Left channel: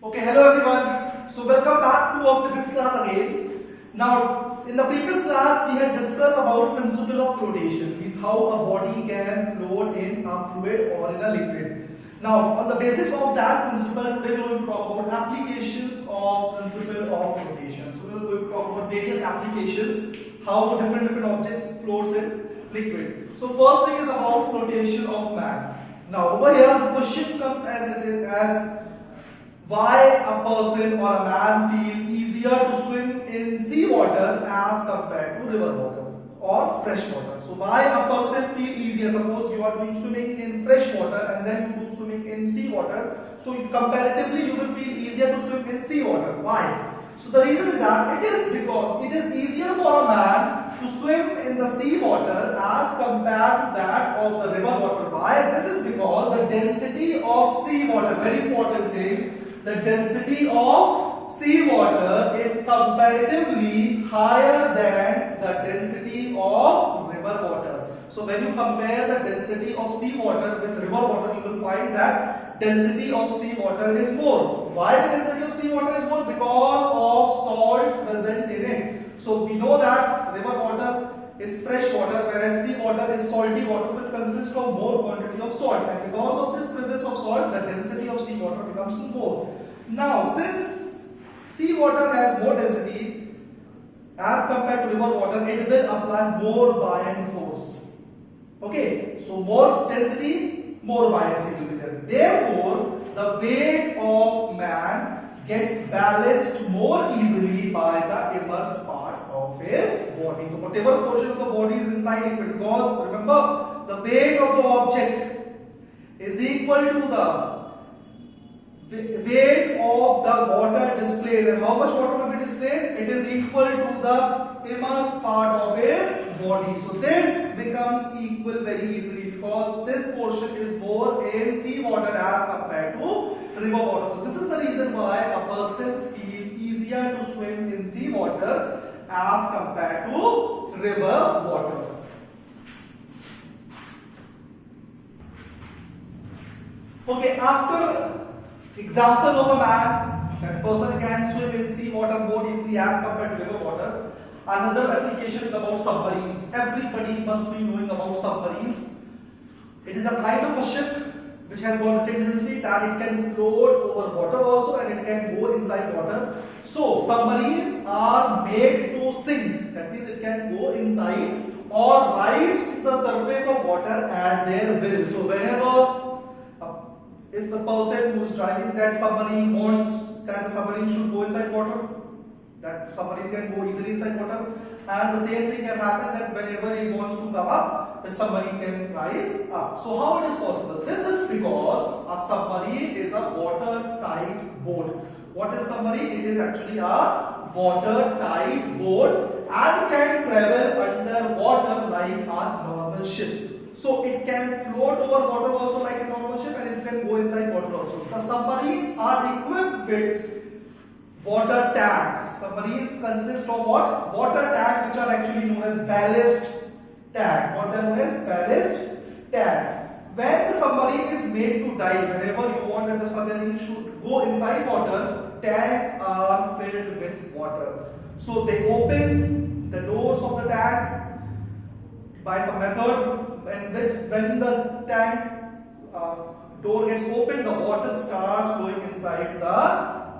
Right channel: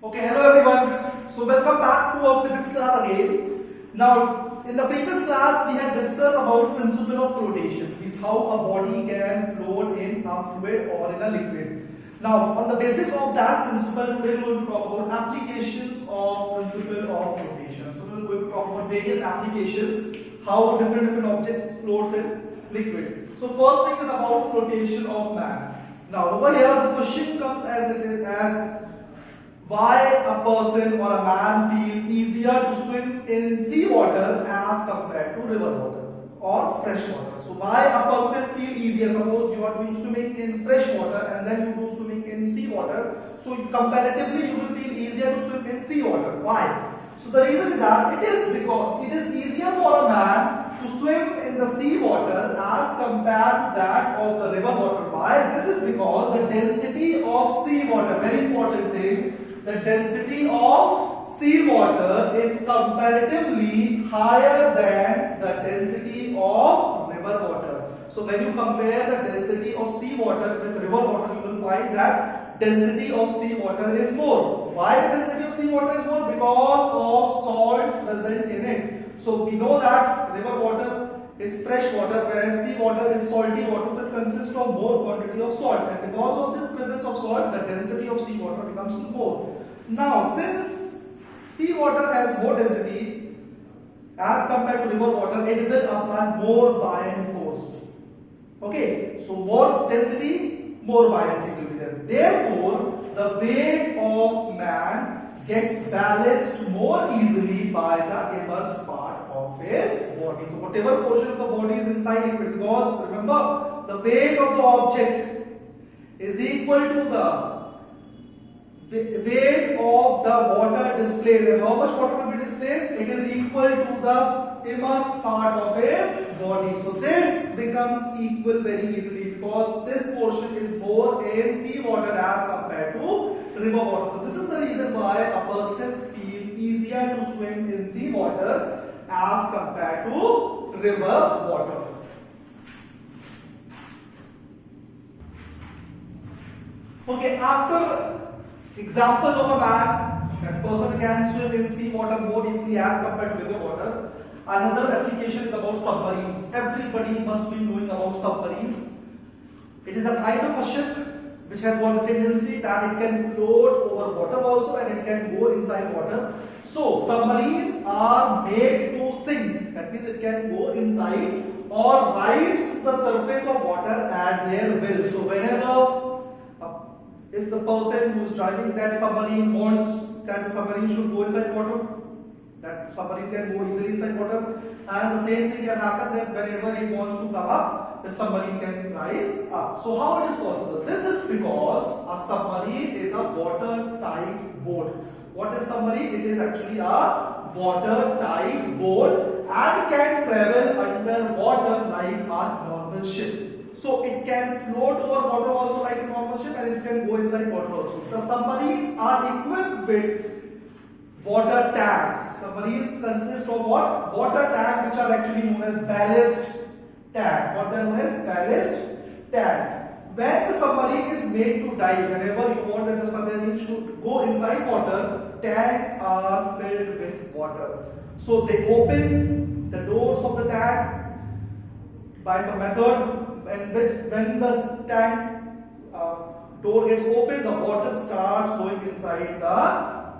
Okay, hello everyone. So welcome back to our physics class again. Now, in the previous class, we had discussed about principle of flotation, means how a body can float in a fluid or in a liquid. Now, on the basis of that principle, today we will talk about applications of principle of flotation. So we will talk about various applications, how different objects floats in liquid. So first thing is about flotation of man. Now, over here, the question comes as why a person or a man feel easier to swim in sea water as compared to river water or fresh water. So why a person feel easier? Suppose you are doing swimming in fresh water and then you do swimming in sea water. So comparatively you will feel easier to swim in sea water. Why? So the reason is that it is because it is easier for a man to swim in the sea water as compared to that of the river water. Why? This is because the density of sea water, very important thing, the density of sea water is comparatively higher than the density of river water. So when you compare the density of sea water with river water, you will find that density of sea water is more. Why the density of sea water is more? Because of salts present in it. So we know that river water is fresh water, whereas sea water is salty water that consists of more quantity of salt, and because of this presence of salt, the density of sea water becomes more. Now, since sea water has more density as compared to river water, it will apply more buoyant force. Okay, so more density, more buoyancy will be there. Therefore, the weight of man gets balanced more easily by the immersed part of his body. So whatever portion of the body is inside it, because remember, the weight of the object is equal to the weight of the water displaced. And how much water will be displaced? It is equal to the immersed part of his body. So this becomes equal very easily because this portion is more in sea water as compared to river water. So this is the reason why a person feels easier to swim in sea water as compared to river water. Okay, after example of a man, that person can swim in sea water more easily as compared to river water. Another application is about submarines. Everybody must be knowing about submarines. It is a kind of a ship which has got a tendency that it can float over water also and it can go inside water. So submarines are made to sink. That means it can go inside or rise to the surface of water at their will. So whenever if the person who is driving that submarine wants that the submarine should go inside water, that submarine can go easily inside water, and the same thing can happen that whenever it wants to come up, the submarine can rise up. So how it is possible? This is because a submarine is a watertight boat. What is submarine? It is actually a watertight boat and can travel underwater like a normal ship. So it can float over water also like a normal ship and it can go inside water also. The submarines are equipped with water tank. Submarines consist of what? Water tank, which are actually known as ballast tank. What they are known as ballast tank. When the submarine is made to dive, whenever you want that the submarine should go inside water, tanks are filled with water. So they open the doors of the tank by some method. And when the tank door gets opened, the water starts going inside the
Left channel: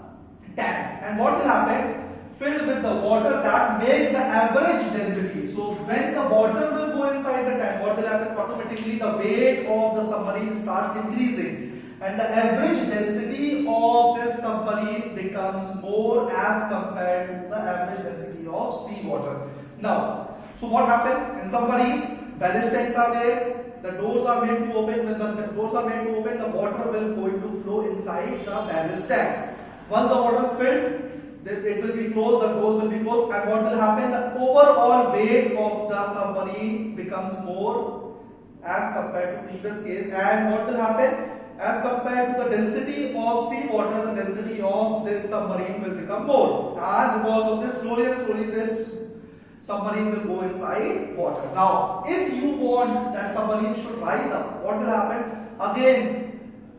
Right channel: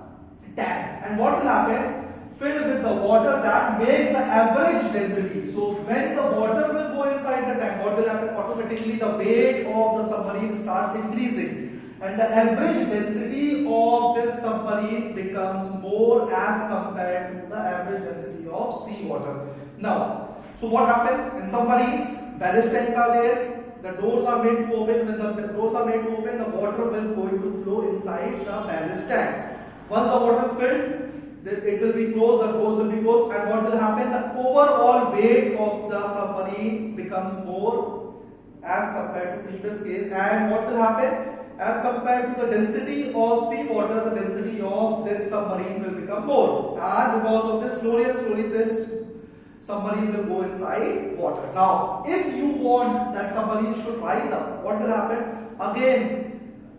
tank. And what will happen? Filled with the water, that makes the average density. So when the water will go inside the tank, what will happen? Automatically the weight of the submarine starts increasing. And the average density of this submarine becomes more as compared to the average density of sea water. Now, so what happened in submarines? Ballast tanks are there. The doors are made to open. When the doors are made to open, the water will going to flow inside the ballast tank. Once the water is filled, it will be closed. The doors will be closed, and what will happen? The overall weight of the submarine becomes more as compared to previous case. And what will happen? As compared to the density of sea water, the density of this submarine will become more. And because of this, slowly and slowly, this submarine will go inside water. Now, if you want that submarine should rise up, what will happen? Again,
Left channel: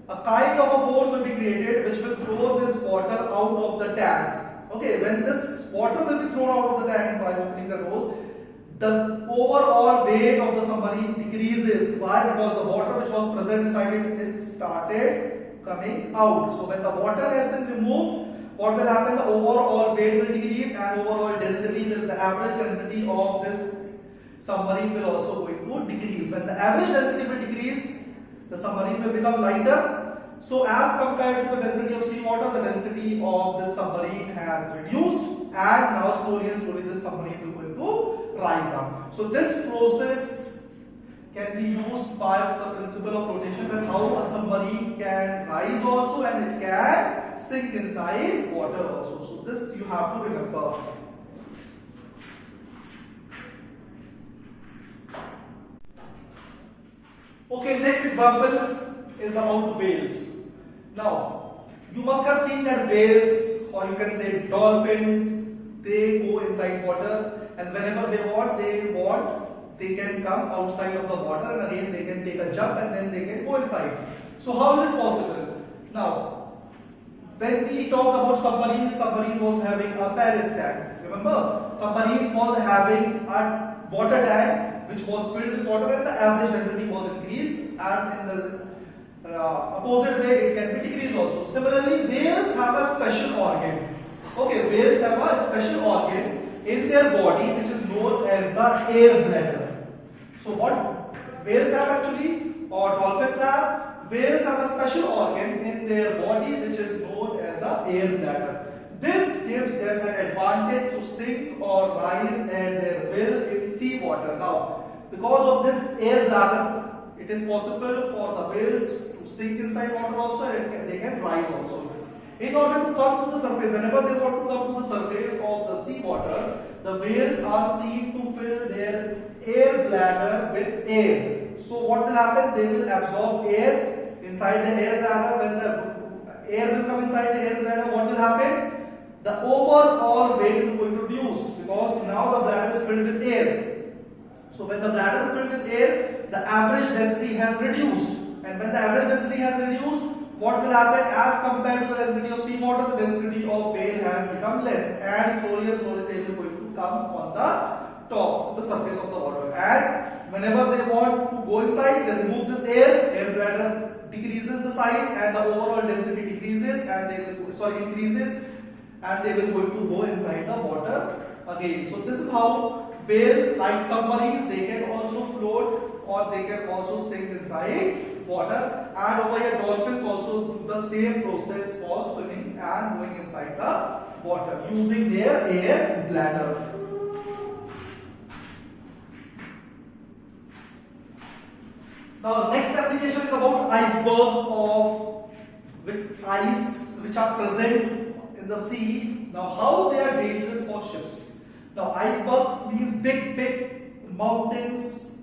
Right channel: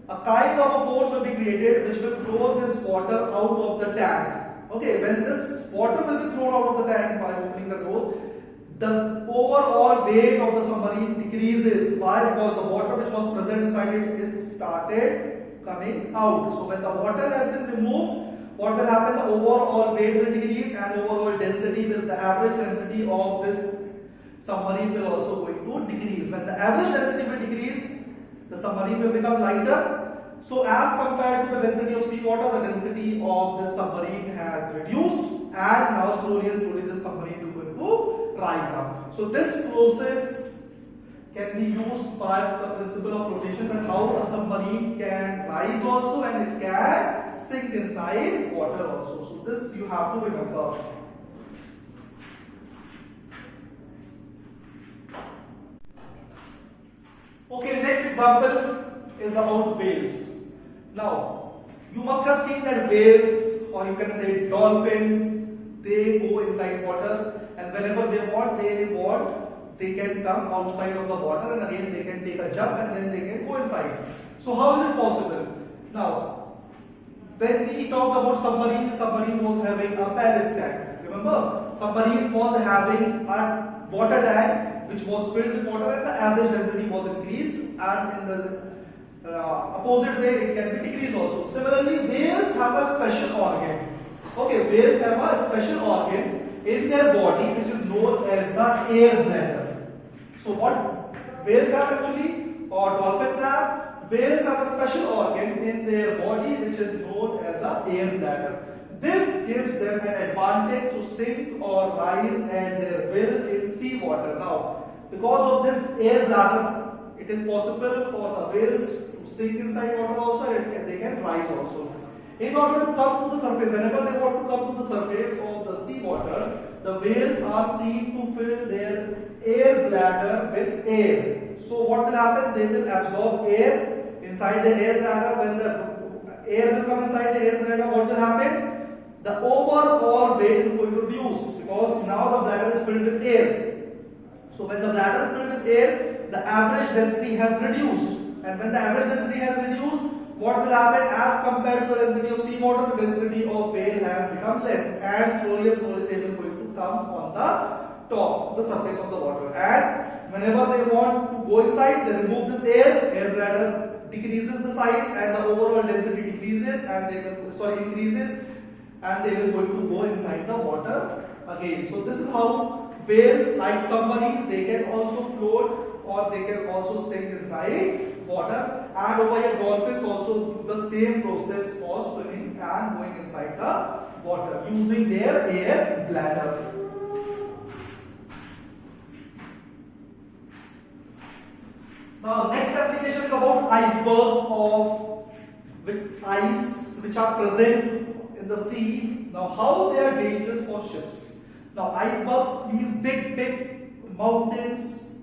a kind of a force will be created which will throw this water out of the tank. Okay, when this water will be thrown out of the tank by opening the doors, the overall weight of the submarine decreases. Why? Because the water which was present inside it is started coming out. So when the water has been removed, what will happen? The overall weight will decrease and overall density will, the average density of this submarine will also going to decrease. When the average density will decrease, the submarine will become lighter. So as compared to the density of seawater, the density of this submarine has reduced, and now slowly and slowly this submarine will going to rise up. So this process can be used by the principle of flotation, that how a submarine can rise also and it can sink inside water also. So this you have to remember. Okay, next example is about whales. Now, you must have seen that whales, or you can say dolphins, they go inside water, and whenever they can come outside of the water, and again they can take a jump and then they can go inside. So how is it possible? Now, when we talk about submarine was having a ballast tank. Remember, submarines was having a water tank which was filled with water, and the average density was increased, and in the opposite way it can be decreased also. Similarly, whales have a special organ. Okay, whales have a special organ in their body which is known as the air bladder. So what whales have actually, or dolphins have? Whales have a special organ in their body which is known as a air bladder. This gives them an advantage to sink or rise at their will in seawater. Now, because of this air bladder, it is possible for the whales to sink inside water also, and they can rise also. In order to come to the surface, whenever they want to come to the surface of the seawater, the whales are seen to fill their air bladder with air. So what will happen? They will absorb air inside the air bladder. When the air will come inside the air bladder, what will happen? The overall weight will reduce, because now the bladder is filled with air. So when the bladder is filled with air, the average density has reduced. And when the average density has reduced, what will happen? As compared to the density of seawater, the density of whale has become less, and slowly they will going to come on the top, the surface of the water. And whenever they want to go inside, they remove this air bladder decreases the size, and the overall density decreases, and they will increases, and they will going to go inside the water again. So this is how whales, like submarines, they can also float, or they can also sink inside water. And over here, dolphins also do the same process for swimming and going inside the water using their air bladder. Now, next application is about iceberg with ice which are present in the sea. Now, how they are dangerous for ships. Now, icebergs, these big mountains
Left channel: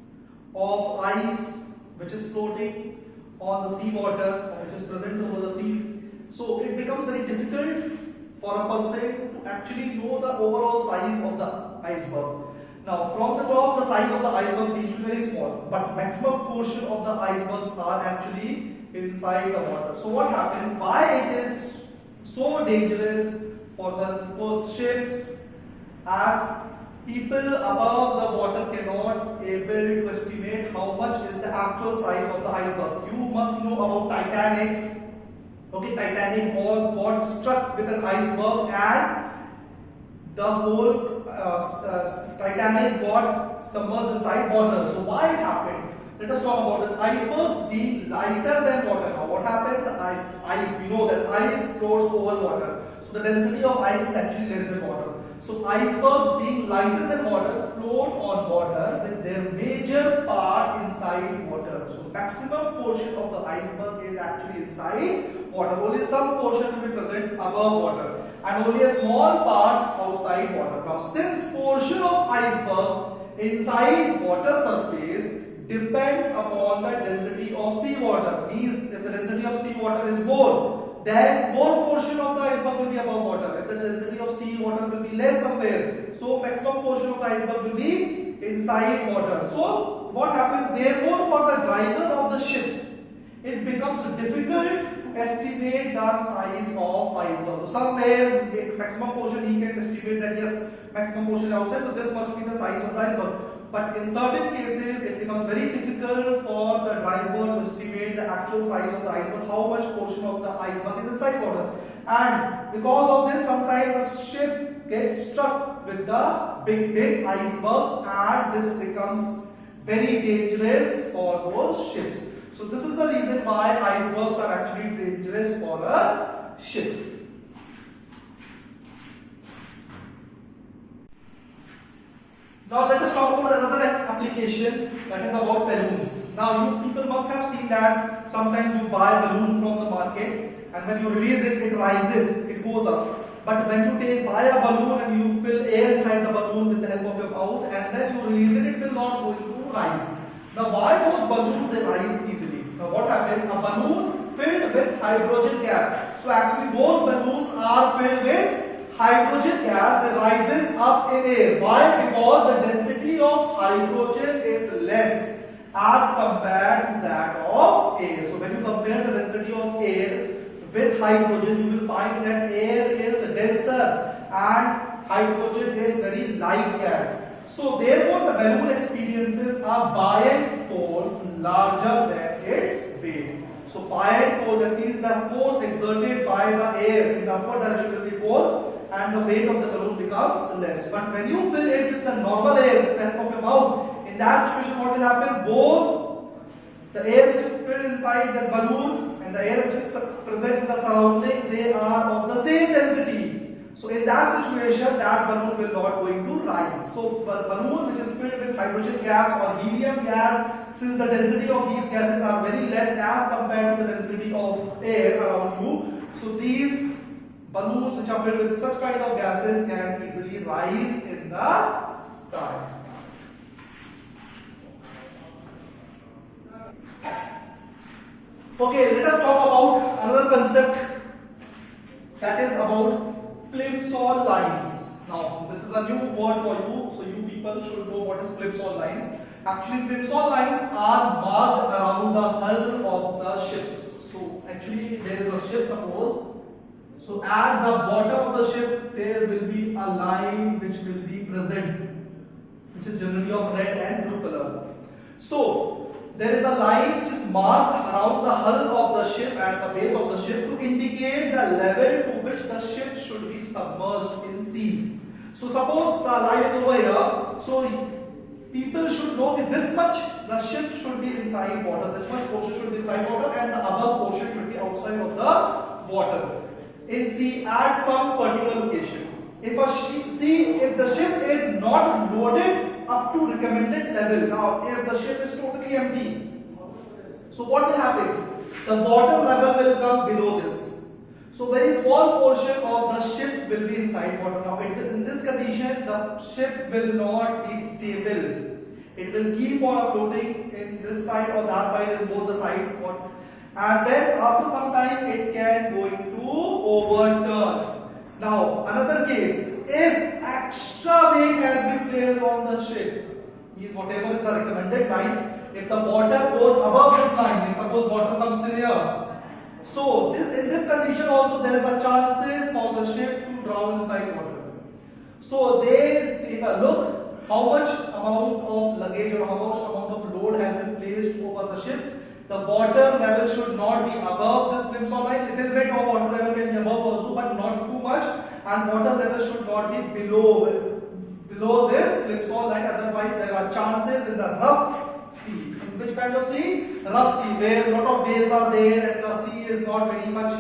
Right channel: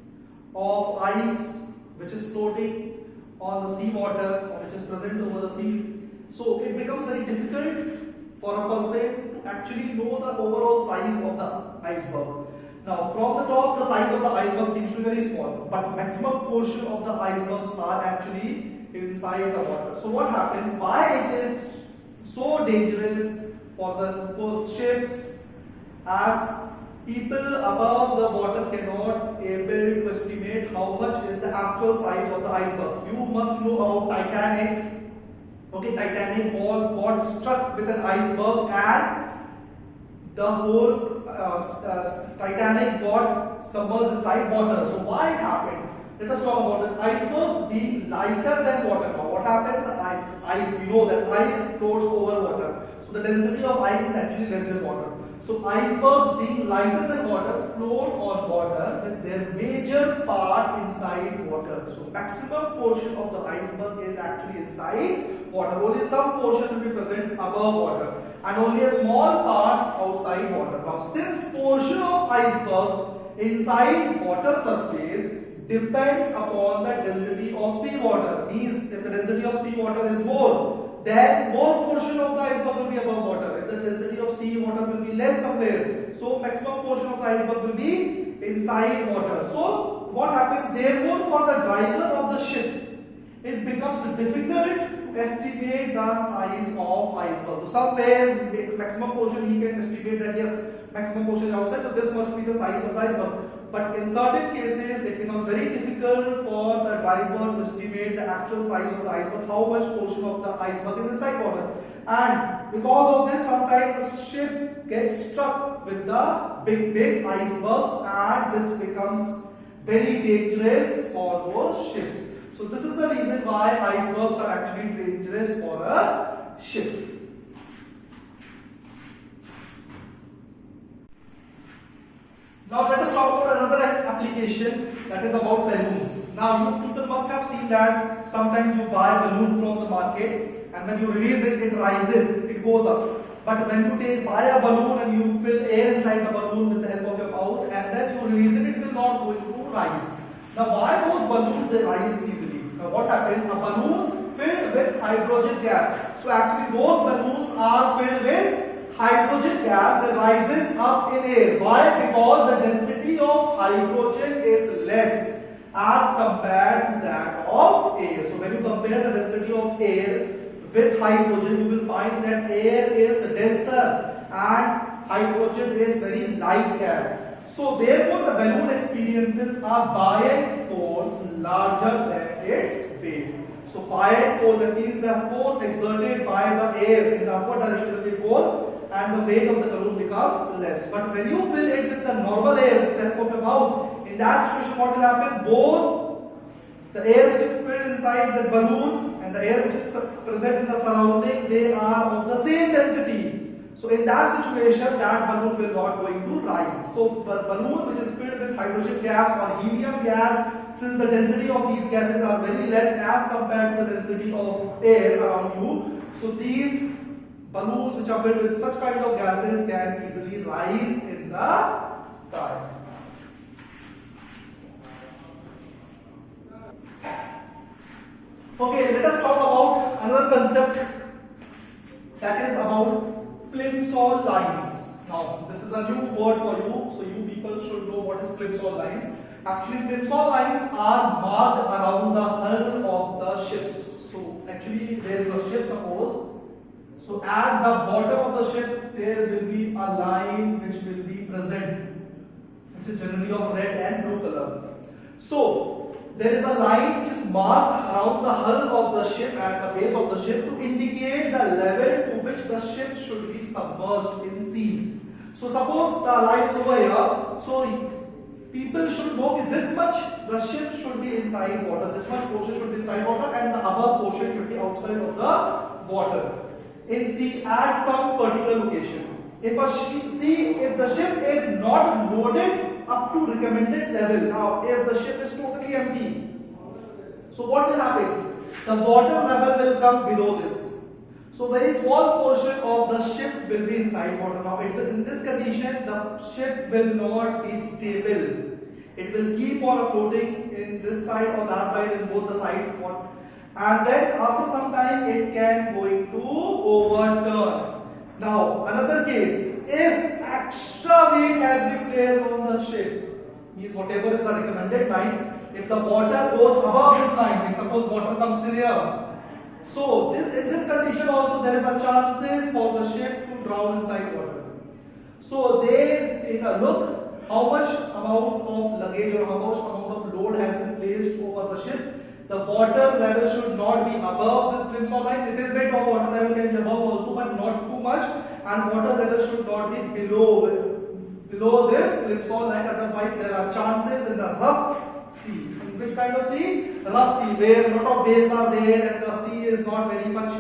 of ice which is floating on the sea water, or which is present over the sea. So it becomes very difficult for a person to actually know the overall size of the iceberg. Now, from the top, the size of the iceberg seems to be very small, but maximum portion of the icebergs are actually inside the water. So what happens? Why it is so dangerous for the ships? As people above the water cannot able to estimate how much is the actual size of the iceberg. You must know about Titanic. Okay, Titanic got struck with an iceberg, and the whole Titanic got submerged inside water. So why it happened? Let us talk about it. Icebergs being lighter than water. Now what happens? The ice, we know that ice floats over water. So the density of ice is actually less than water. So icebergs being lighter than water float on water with their major part inside water. So maximum portion of the iceberg is actually inside water. Only some portion will be present above water, and only a small part outside water. Now, since portion of iceberg inside water surface depends upon the density of seawater, means if the density of seawater is more, then more portion of the iceberg will be above water. If the density of seawater will be less somewhere, so maximum portion of the iceberg will be inside water. So what happens? Therefore, for the driver of the ship, it becomes difficult to estimate the size of iceberg. So somewhere maximum portion he can estimate that yes, maximum portion is outside, so this must be the size of the iceberg. But in certain cases, it becomes very difficult for the driver to estimate the actual size of the iceberg, how much portion of the iceberg is inside water. And because of this, sometimes the ship gets stuck with the big icebergs, and this becomes very dangerous for those ships. So this is the reason why icebergs are actually dangerous for a ship. Now let us talk about another application, that is about balloons. Now you people must have seen that sometimes you buy a balloon from the market, and when you release it, it rises, it goes up. But when you buy a balloon and you fill air inside the balloon with the help of your mouth, and then you release it, it will not going to rise. Now why those balloons they rise easily? Now what happens? A balloon filled with hydrogen gas. So actually those balloons are filled with hydrogen gas that rises up in air. Why? Because the density of hydrogen is less as compared to that of air. So when you compare the density of air with hydrogen, you will find that air is denser and hydrogen is very light gas. So therefore the balloon experiences a buoyant force larger than its weight. So buoyant force, that means the force exerted by the air in the upward direction will be more, and the weight of the balloon becomes less. But when you fill it with the normal air with the help of your mouth, in that situation what will happen? Both the air which is filled inside the balloon and the air which is present in the surrounding, they are of the same density. So in that situation, that balloon will not going to rise. So balloon which is filled with hydrogen gas or helium gas, since the density of these gases are very less as compared to the density of air around you, so these balloons which are filled with such kind of gases can easily rise in the sky. Okay, let us talk about another concept, that is about plimsoll lines. Now, this is a new word for you, so you people should know what is plimsoll lines. Actually, plimsoll lines are marked around the hull of the ships. So, actually, there is a ship, suppose. So, at the bottom of the ship, there will be a line which will be present, which is generally of red and blue color. So, there is a line which is marked around the hull of the ship at the base of the ship to indicate the level to which the ship should be submerged in sea. So suppose the line is over here, so people should know that this much the ship should be inside water, this much portion should be inside water, and the above portion should be outside of the water in sea at some particular location. If the ship is not loaded up to recommended level, now if the ship is totally empty, so what will happen? The water level will come below this. So very small portion of the ship will be inside water. Now in this condition, the ship will not be stable. It will keep on floating in this side or that side, in both the sides. And then after some time, it can going to overturn. Now another case, if extra weight has been placed on the ship, means whatever is the recommended line, if the water goes above this line, like suppose water comes to here, so in this condition also there is a chances for the ship to drown inside water. So they take a look how much amount of luggage or how much amount of load has been placed over the ship. The water level should not be above this plimsoll line. Little bit of water level can be above also, but not too much. And water level should not be below this plimsoll line. Otherwise, there are chances in the rough sea. In which kind of sea? The rough sea, where a lot of waves are there and the sea is not very much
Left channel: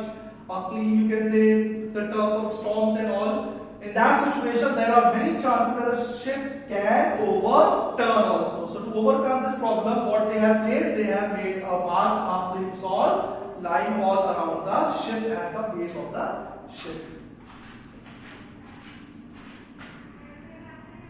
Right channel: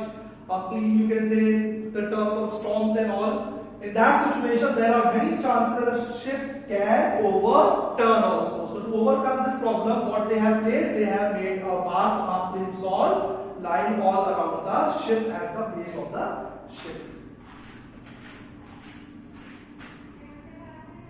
clean. You can say the terms of storms and all. In that situation, there are many chances that the ship can overturn also. So to overcome this problem, what they have placed, they have made a mark, a plimsoll line all around the ship at the base of the ship.